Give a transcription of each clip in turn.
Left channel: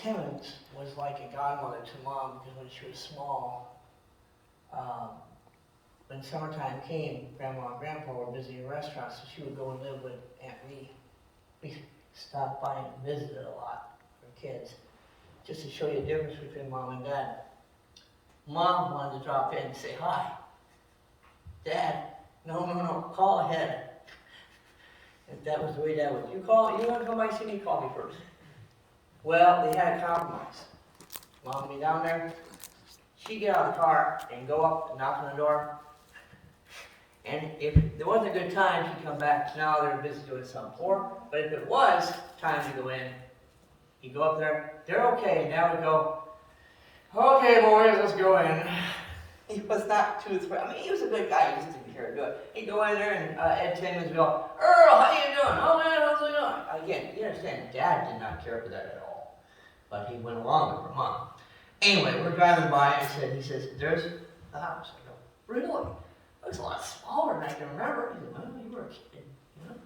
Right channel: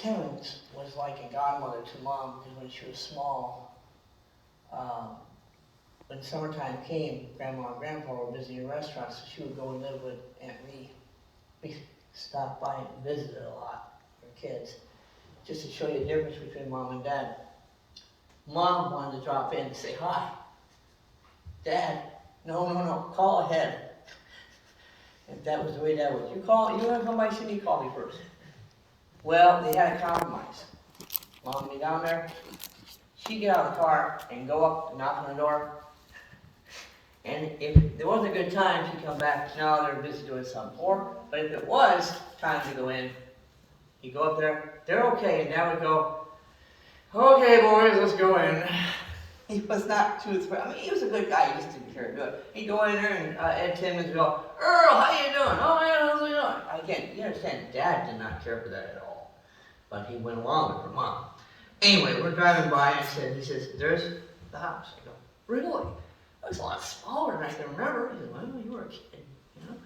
Timmons was like a godmother to Mom because when she was small, when summertime came, Grandma and Grandpa were busy in restaurants, so she would go and live with Aunt Lee. We stopped by and visited a lot for kids, just to show you the difference between Mom and Dad. Mom wanted to drop in and say hi. Dad, no, call ahead. If that was the way Dad would, you want to come by and see me, call me first. Well, they had a compromise. Mom would be down there, she'd get out of the car and go up and knock on the door. And if there wasn't a good time, she'd come back. Now they're busy doing something. But if it was time to go in, he'd go up there, they're okay, and Dad would go, okay, boys, let's go in. He was not too thrilled. I mean, he was a good guy, he just didn't care to do it. He'd go in there, and Ed Timmons would go, Earl, how you doing? Oh, man, how's you doing? Again, you understand, Dad did not care for that at all. But he went along with her Mom. Anyway, we're driving by, and he says, there's the house. I go, really? Looks a lot smaller than I can remember. He said, well, you were a kid, you know?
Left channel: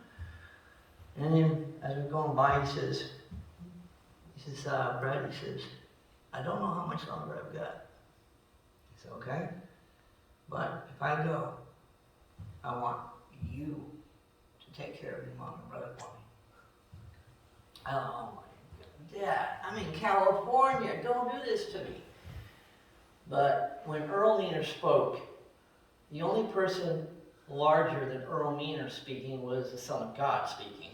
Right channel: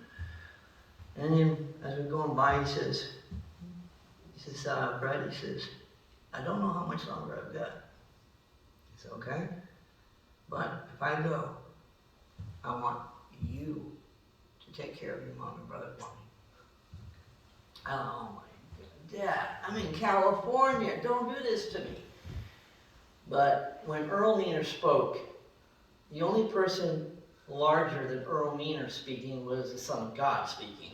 And then, as we're going by, he says, Brett, he says, I don't know how much longer I've got. I said, okay, but if I go, I want you to take care of your mom and brother for me. Oh my God, Dad, I'm in California, don't do this to me. But when Earl Meanor spoke, the only person larger than Earl Meanor speaking was the Son of God speaking.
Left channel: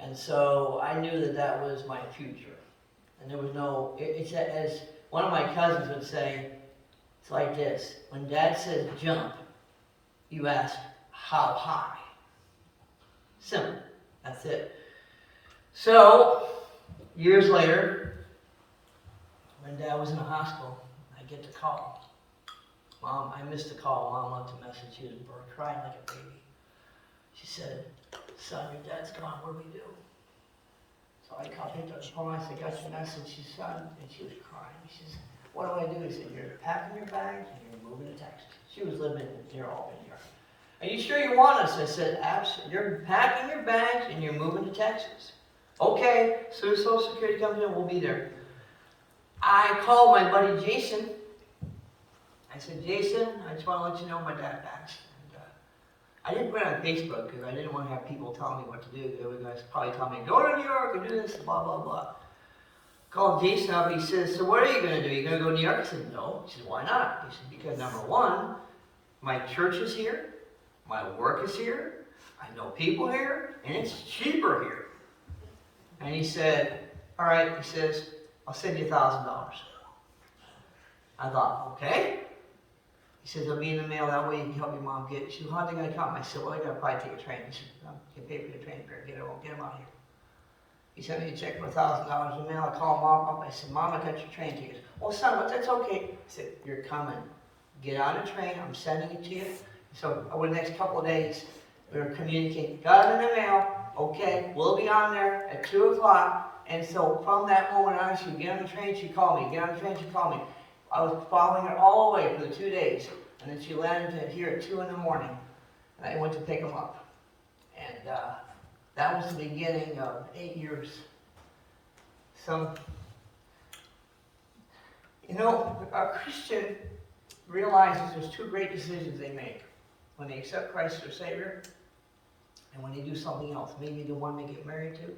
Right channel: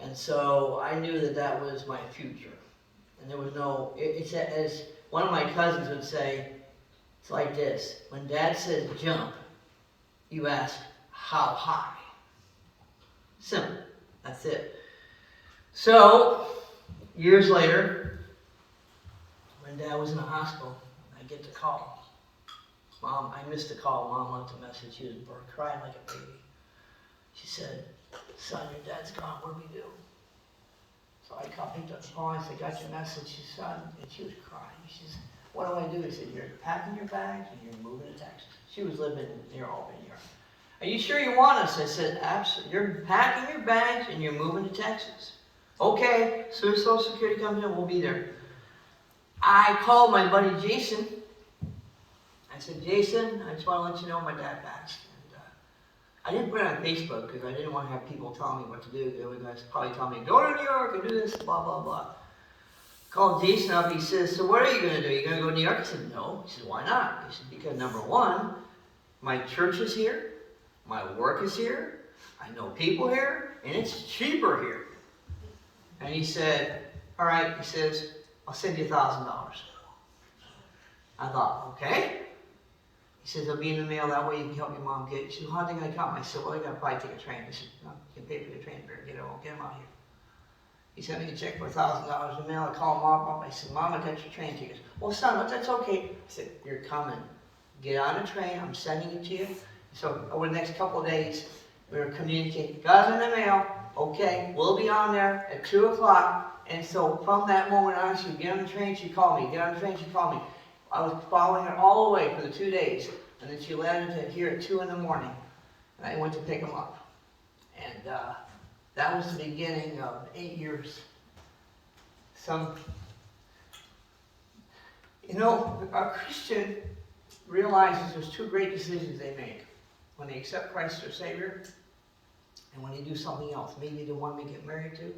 And so I knew that that was my future. And there was no, it's as one of my cousins would say, it's like this. When Dad says jump, you ask, how high? Simple. That's it. So, years later, when Dad was in the hospital, I get the call. Mom, I missed the call. Mom left a message. She was crying like a baby. She said, son, your dad's gone. What do we do? So I picked up the phone. I said, got your message. She said, son, and she was crying. She said, what do I do? He said, you're packing your bags and you're moving to Texas. She was living near Albany. Are you sure you want us? I said, absolutely. You're packing your bags and you're moving to Texas. Okay, as soon as Social Security comes in, we'll be there. I called my buddy Jason. I said, Jason, I just want to let you know my dad passed. And, I didn't put it on Facebook because I didn't want to have people telling me what to do. They would probably tell me, go to New York and do this, blah, blah, blah. Called Jason up. He says, so what are you going to do? Are you going to go to New York? I said, no. He said, why not? He said, because number one, my church is here. My work is here. I know people here. And it's cheaper here. And he said, all right. He says, I'll send you $1,000. I thought, okay. He says, it'll be in the mail. That way you can help your mom get it. She said, how's it going to come? I said, well, you got to probably take a train. He said, no, you can pay for the train fare. Get him out here. He sent me a check for $1,000 in the mail. I called Mom up. I said, Mom, I got your train tickets. Oh, son, but that's okay. I said, you're coming. Get on a train. I'm sending it to you. So over the next couple of days, we were communicating. Got it in the mail. Okay, we'll be on there at 2 o'clock. And so from that moment on, she would get on the train, she'd call me. Get on the train, she'd call me. I was following her all the way for the 2 days. And then she landed here at 2 in the morning. And I went to pick them up. And that was the beginning of 8 years. A Christian realizes there's two great decisions they make. When they accept Christ as their Savior, and when they do something else. Maybe the one they get married to,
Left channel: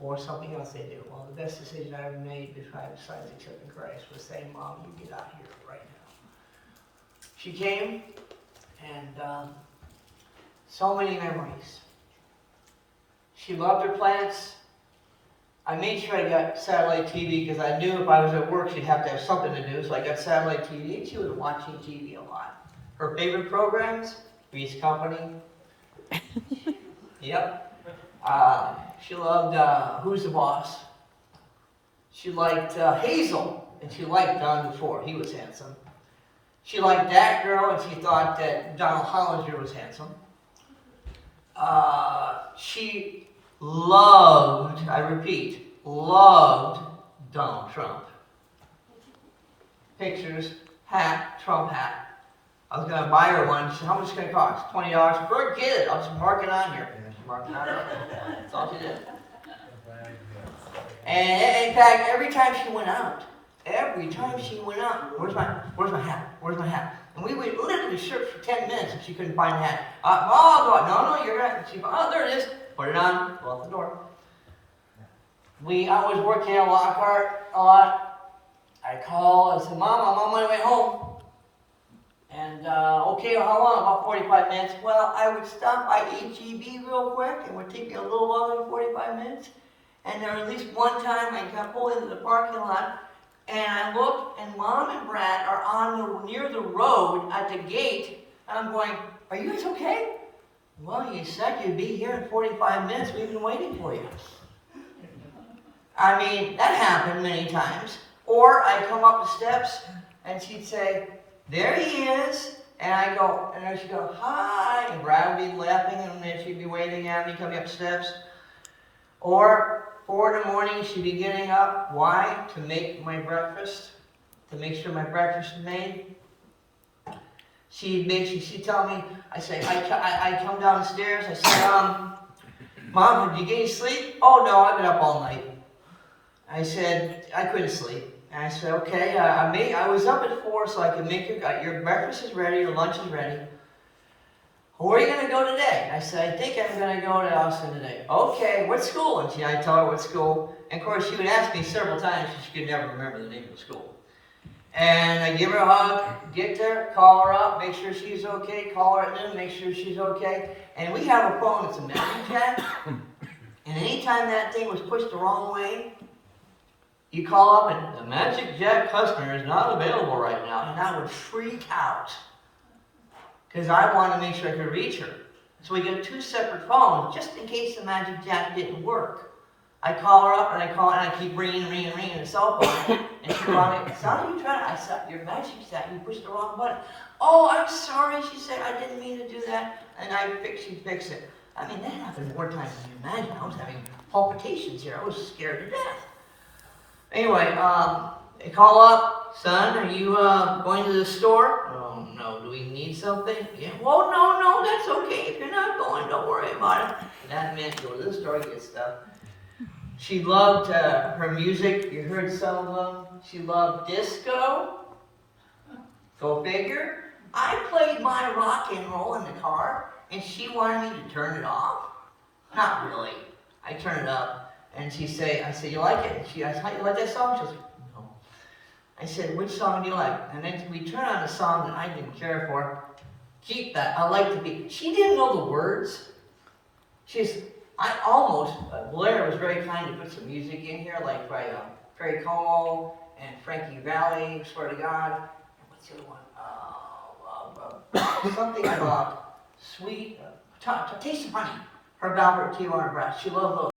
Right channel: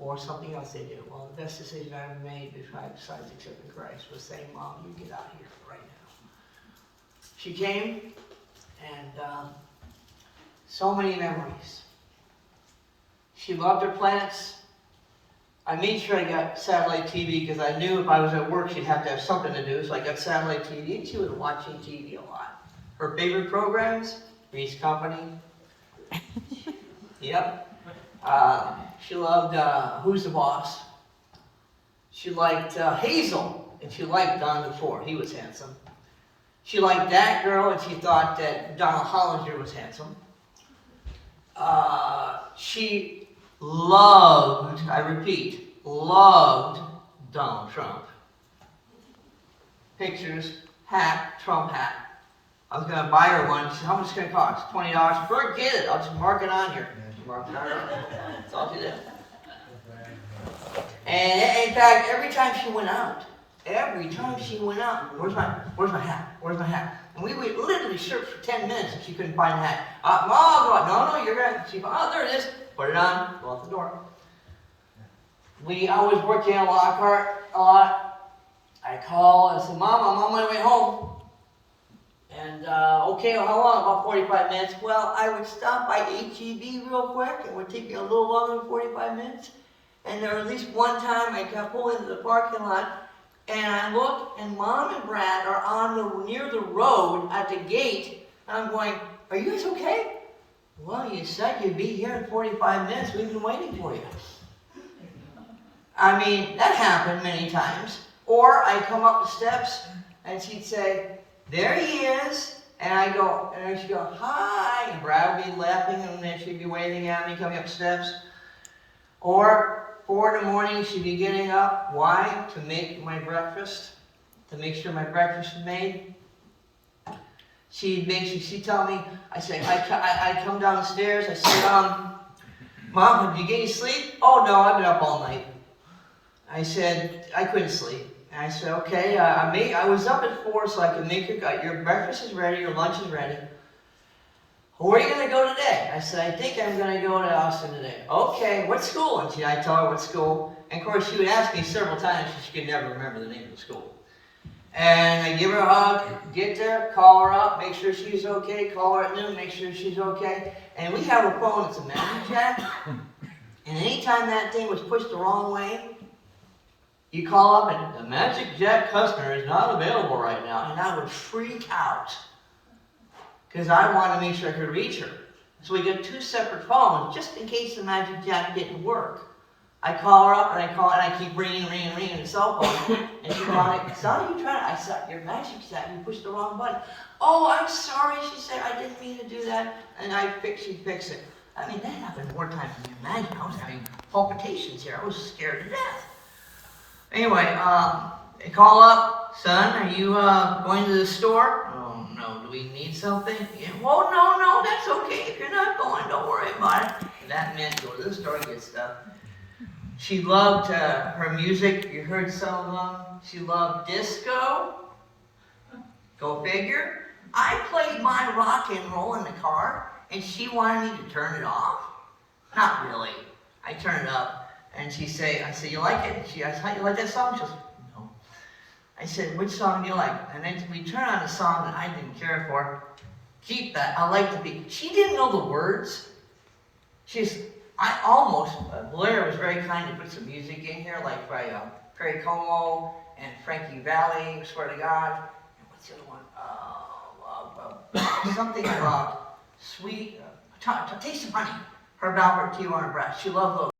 or something else they do. Well, the best decision I ever made besides accepting Christ was saying, Mom, you get out of here right now. She came, and so many memories. She loved her plants. I made sure I got satellite TV because I knew if I was at work she'd have to have something to do, so I got satellite TV, and she was watching TV a lot. Her favorite programs, Three's Company. Yep. She loved Who's the Boss. She liked Hazel, and she liked Don DeFore. He was handsome. She liked that girl, and she thought that Donald Hollinger was handsome. She loved, I repeat, loved Donald Trump. Pictures, hat, Trump hat. I was going to buy her one. She said, how much is it going to cost? $20. Forget it. I'll just mark it on here. Mark it on. That's all she did. And in fact, every time she went out, where's my hat? Where's my hat? And we would literally search for 10 minutes and she couldn't find the hat. Mom, no, you're gonna, there it is. Put it on, go out the door. I was working at Lockhart a lot. I call and say, Mom, I'm on my way home. And, okay, well, how long? About 45 minutes. Well, I would stop by HEB real quick. It would take me a little longer than 45 minutes. And there at least one time I got pulled into the parking lot, and I look, and Mom and Brad are near the road at the gate. And I'm going, are you guys okay? Well, you said you'd be here in 45 minutes. We've been waiting for you. I mean, that happened many times. Or I come up the steps, and she'd say, there he is. And I go, and she'd go, hi. And Brad would be laughing, and then she'd be waving at me coming up steps. Or 4 in the morning, she'd be getting up. Why? To make my breakfast. To make sure my breakfast is made. She'd tell me, I come downstairs, I said, Mom, did you get any sleep? Oh no, I've been up all night. I said, I couldn't sleep. And I said, okay, I was up at 4 so I could make your breakfast is ready, your lunch is ready. Where are you going to go today? I said, I think I'm going to go to Austin today. Okay, what school? And I told her what school. And of course, she would ask me several times, she could never remember the name of the school. And I give her a hug, get there, call her up, make sure she's okay, call her at noon, make sure she's okay. And we have a phone that's a Magic Jack. And anytime that thing was pushed the wrong way, you call up and the Magic Jack customer is not available right now. And I would freak out, because I wanted to make sure I could reach her. So we got 2 separate phones, just in case the Magic Jack didn't work. I call her up, and I keep ringing the cell phone. And she goes, son, you trying to, I said, your Magic Jack, you pushed the wrong button. Oh, I'm sorry, she said, I didn't mean to do that. And she'd fix it. I mean, that happened more times than you imagine. I was having palpitations here. I was scared to death. Anyway, they call up, son, are you going to the store? Oh, no, do we need something? Yeah, well, no, that's okay. If you're not going, don't worry about it. And that meant go to the store and get stuff. She loved her music. You heard some of them. She loved disco. Go figure. I played my rock and roll in the car, and she wanted me to turn it off. Not really. I turn it up, and I said, you like it? And she asked, how you like that song? She was like, no. I said, which song do you like? And then we turned on a song that I didn't care for. Keep that. I like to be. She didn't know the words. Blair was very kind to put some music in here, like by Perry Como and Frankie Valli, swear to God. And what's the other one? Something about sweet, taste of honey. Herb Albert, Tijuana Brass. She loved those.